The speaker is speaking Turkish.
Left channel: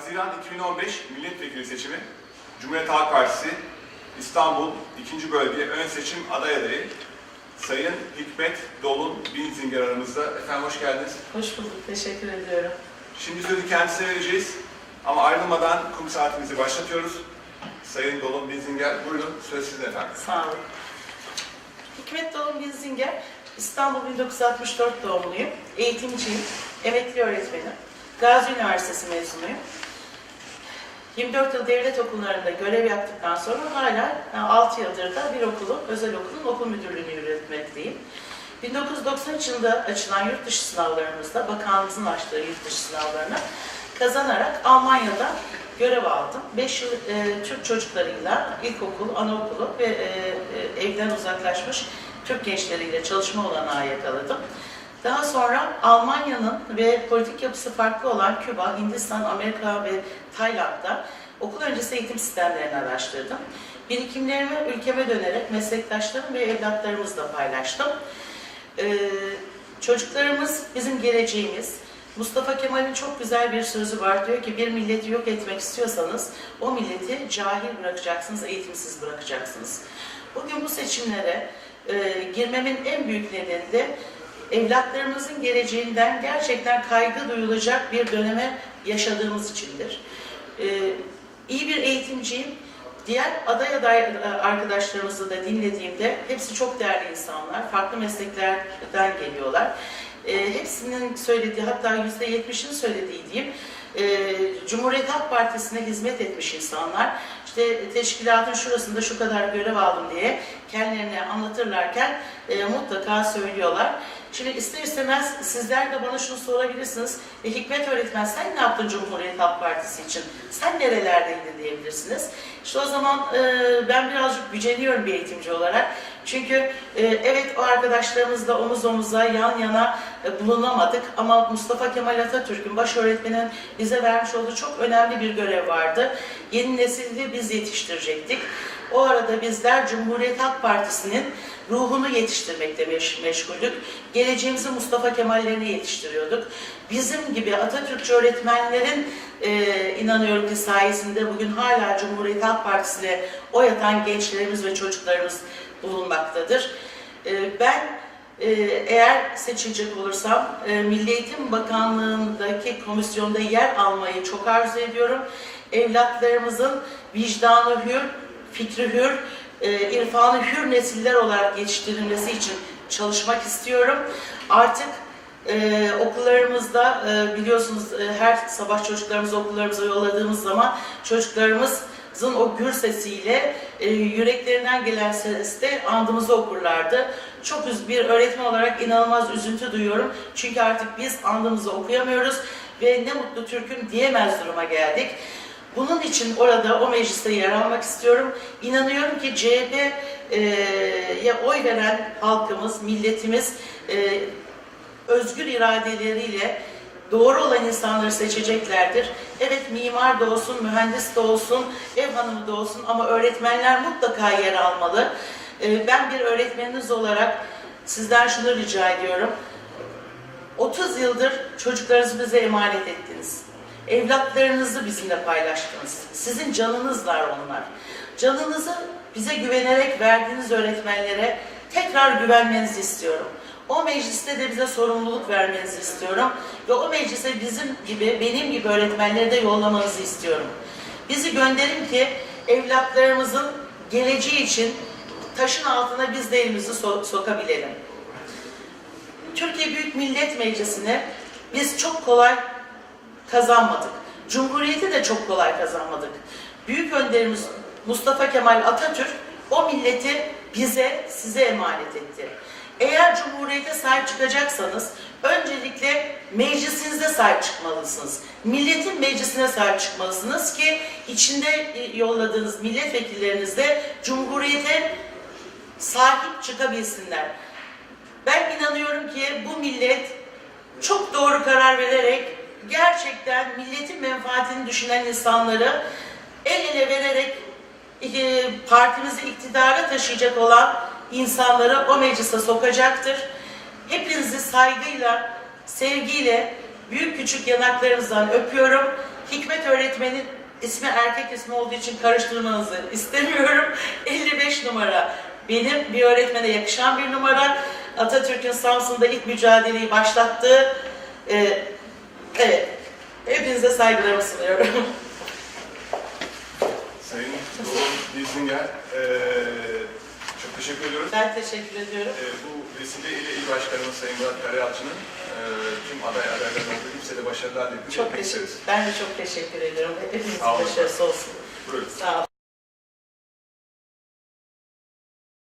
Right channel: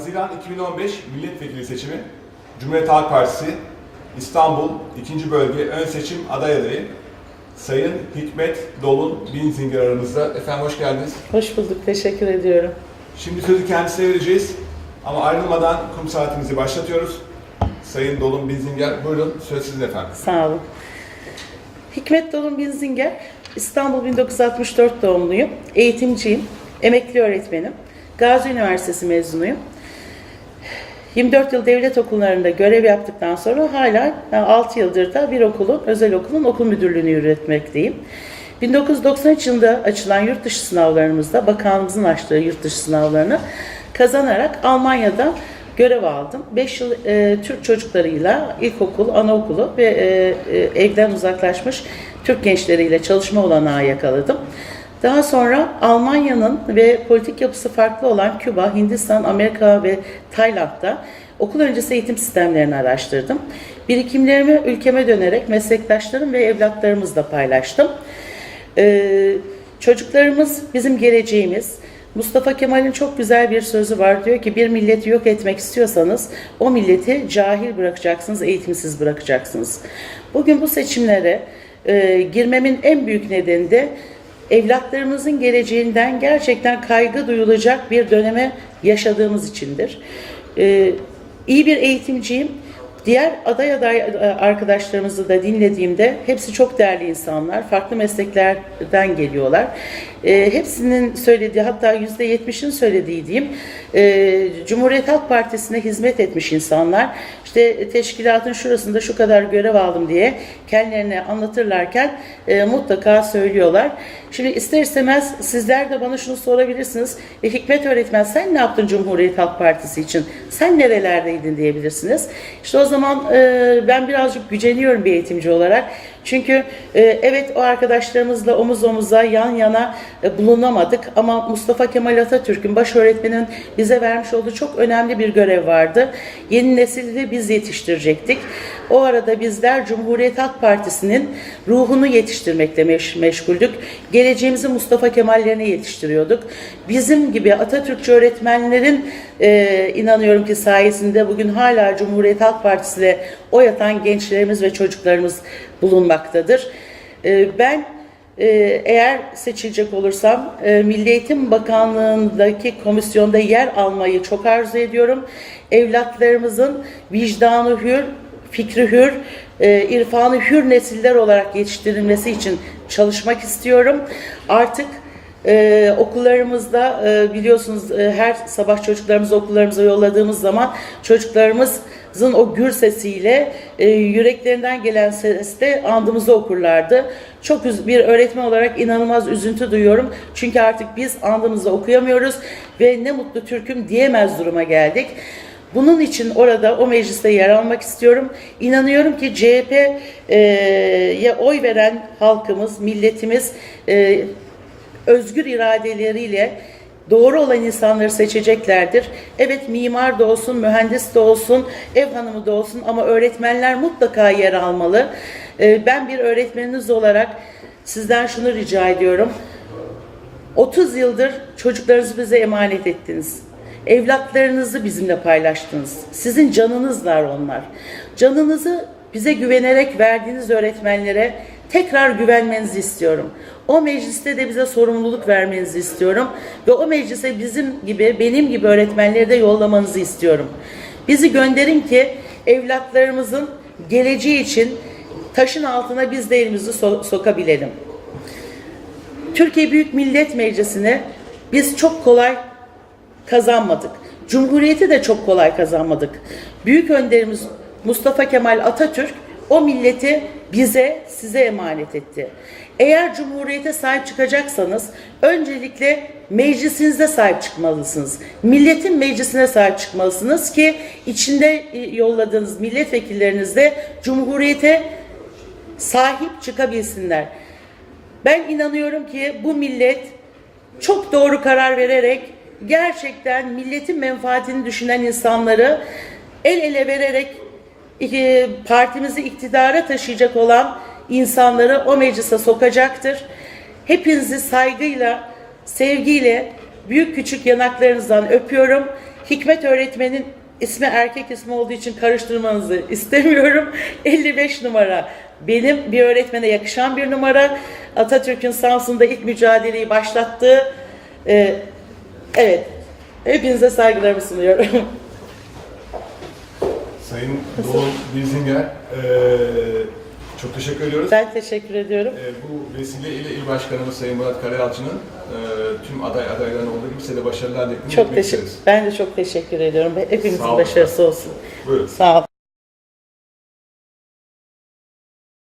Haziran 2015 milletvekili seçimi Cumhuriyet Halk Partisi İstanbul 2. Bölge Ön Seçim Aday Adayı Sayın Hikmet Dolun Binzinger aramızda. Efendim hoş geldiniz. Hoş bulduk, teşekkür ediyorum. Şimdi sözü kendisine vereceğiz ama ayrılmadan kum saatimizi başlatıyoruz. Sayın Dolun Binzinger buyurun söz sizin efendim. Sağ olun. Hikmet Dalın Binzinger, İstanbul 1964 doğumluyum. Eğitimciyim, emekli öğretmenim. Gazi Üniversitesi mezunuyum. 24 yıl devlet okullarında görev yaptıktan sonra hala 6 yıldır da bir okulun, özel okulun okul müdürlüğünü yürütmekteyim. 1993 yılında açılan yurt dışı sınavlarımızda, bakanlığımızın açtığı yurt dışı sınavlarını kazanarak Almanya'da görev aldım. 5 yıl e, Türk çocuklarıyla ilkokul, anaokulu ve e, e, evden uzaklaşmış Türk gençleriyle çalışma olanağı yakaladım. Daha sonra Almanya'nın ve politik yapısı farklı olan Küba, Hindistan, Amerika ve Tayland'da okul öncesi eğitim sistemlerini araştırdım. Birikimlerimi ülkeme dönerek meslektaşlarım ve evlatlarımızla paylaştım. Ee, çocuklarımız bizim geleceğimiz. Mustafa Kemal'in çok güzel bir sözü var. Diyor ki bir milleti yok etmek istiyorsanız o milleti cahil bırakacaksınız, eğitimsiz bırakacaksınız. Bugün bu seçimlere e, girmemin en büyük nedeni de evlatlarımızın geleceğinden gerçekten kaygı duyulacak bir döneme yaşadığımız içindir. Ee, iyi bir eğitimciyim. Diğer aday aday arkadaşlarımızı da dinlediğimde hepsi çok değerli insanlar. Farklı mesleklerden geliyorlar. Ee, hepsinin söylediği hatta yüzde yetmişin söylediği diyeyim e, Cumhuriyet Halk Partisi'ne hizmet etmiş insanlar. İşte teşkilatın şurasında şu kadar görev aldım diye kendilerine anlatırlarken e, mutlaka söylüyorlar. Şimdi ister istemez sizler de bana şunu sorabilirsiniz. E, Hikmet öğretmen sen ne yaptın Cumhuriyet Halk Partisi için? Sen nerelerdeydin diyebilirsiniz. İşte o zaman e, ben birazcık güceniyorum bir eğitimci olarak. Çünkü e, evet o arkadaşlarımızla omuz omuza yan yana e, bulunamadık ama Mustafa Kemal Atatürk'ün baş öğretmenin bize vermiş olduğu çok önemli bir görev vardı. Yeni nesilde biz yetiştirecektik. O arada bizler Cumhuriyet Halk Partisi'nin ruhunu yetiştirmekle meş meşguldük. Geleceğimizi Mustafa Kemal'lerine yetiştiriyorduk. Bizim gibi Atatürkçü öğretmenlerin e, inanıyorum ki sayesinde bugün hala Cumhuriyet Halk Partisi'ne oy atan gençlerimiz ve çocuklarımız bulunmaktadır. E, ben e, eğer seçilecek olursam e, Milli Eğitim Bakanlığı'ndaki komisyonda yer almayı çok arzu ediyorum. Evlatlarımızın vicdanı hür, fikri hür, e, irfanı hür nesiller olarak yetiştirilmesi için çalışmak istiyorum. Artık ee, okullarımızda e, biliyorsunuz e, her sabah çocuklarımızı okullarımıza yolladığımız zaman çocuklarımızın o gür sesiyle e, yüreklerinden gelen sesle andımızı okurlardı. Çok bir öğretmen olarak inanılmaz üzüntü duyuyorum. Çünkü artık biz andımızı okuyamıyoruz ve ne mutlu Türk'üm diyemez duruma geldik. Bunun için orada o mecliste yer almak istiyorum. İnanıyorum ki CHP'ye oy veren halkımız, milletimiz e, özgür iradeleriyle doğru olan insanları seçeceklerdir. Evet mimar da olsun, mühendis de olsun, ev hanımı da olsun ama öğretmenler mutlaka yer almalı. Ee, Ben bir öğretmeniniz olarak sizden şunu rica ediyorum. 30 yıldır çocuklarınızı bize emanet ettiniz. Evlatlarınızı bizimle paylaştınız. Sizin canınızlar onlar. Canınızı bize güvenerek verdiğiniz öğretmenlere tekrar güvenmenizi istiyorum. O mecliste de bize sorumluluk vermenizi istiyorum. Ve o meclise bizim gibi, benim gibi öğretmenleri de yollamanızı istiyorum. Bizi gönderin ki evlatlarımızın geleceği için taşın altına biz de elimizi so- sokabilelim. Türkiye Büyük Millet Meclisi'ni biz çok kolay kazanmadık. Cumhuriyeti de çok kolay kazanmadık. Büyük önderimiz Mustafa Kemal Atatürk o milleti bize, size emanet etti. Eğer Cumhuriyete sahip çıkacaksanız öncelikle meclisinize sahip çıkmalısınız. Milletin meclisine sahip çıkmalısınız ki içinde yolladığınız milletvekilleriniz de Cumhuriyete sahip çıkabilsinler. Ben inanıyorum ki bu millet çok doğru karar vererek gerçekten milletin menfaatini düşünen insanları el ele vererek e, partimizi iktidara taşıyacak olan insanları o meclise sokacaktır. Hepinizi saygıyla, sevgiyle büyük küçük yanaklarınızdan öpüyorum. Hikmet öğretmenin ismi erkek ismi olduğu için karıştırmanızı istemiyorum. 55 numara benim bir öğretmene yakışan bir numara. Atatürk'ün Samsun'da ilk mücadeleyi başlattığı e, evet hepinize saygılarımı sunuyorum. Sayın Doğan Bilzinger, eee, çok teşekkür ediyoruz. Ben teşekkür ediyorum. Eee, bu vesileyle İl Başkanımız Sayın Murat Karayalçı'nın eee, tüm aday adayların olduğu kimse de başarılar dileklerini Çok teşekkür. Ben de çok teşekkür ediyorum. Hepimizin Sağ olun. başarısı olsun. Buyurun. Sağ ol.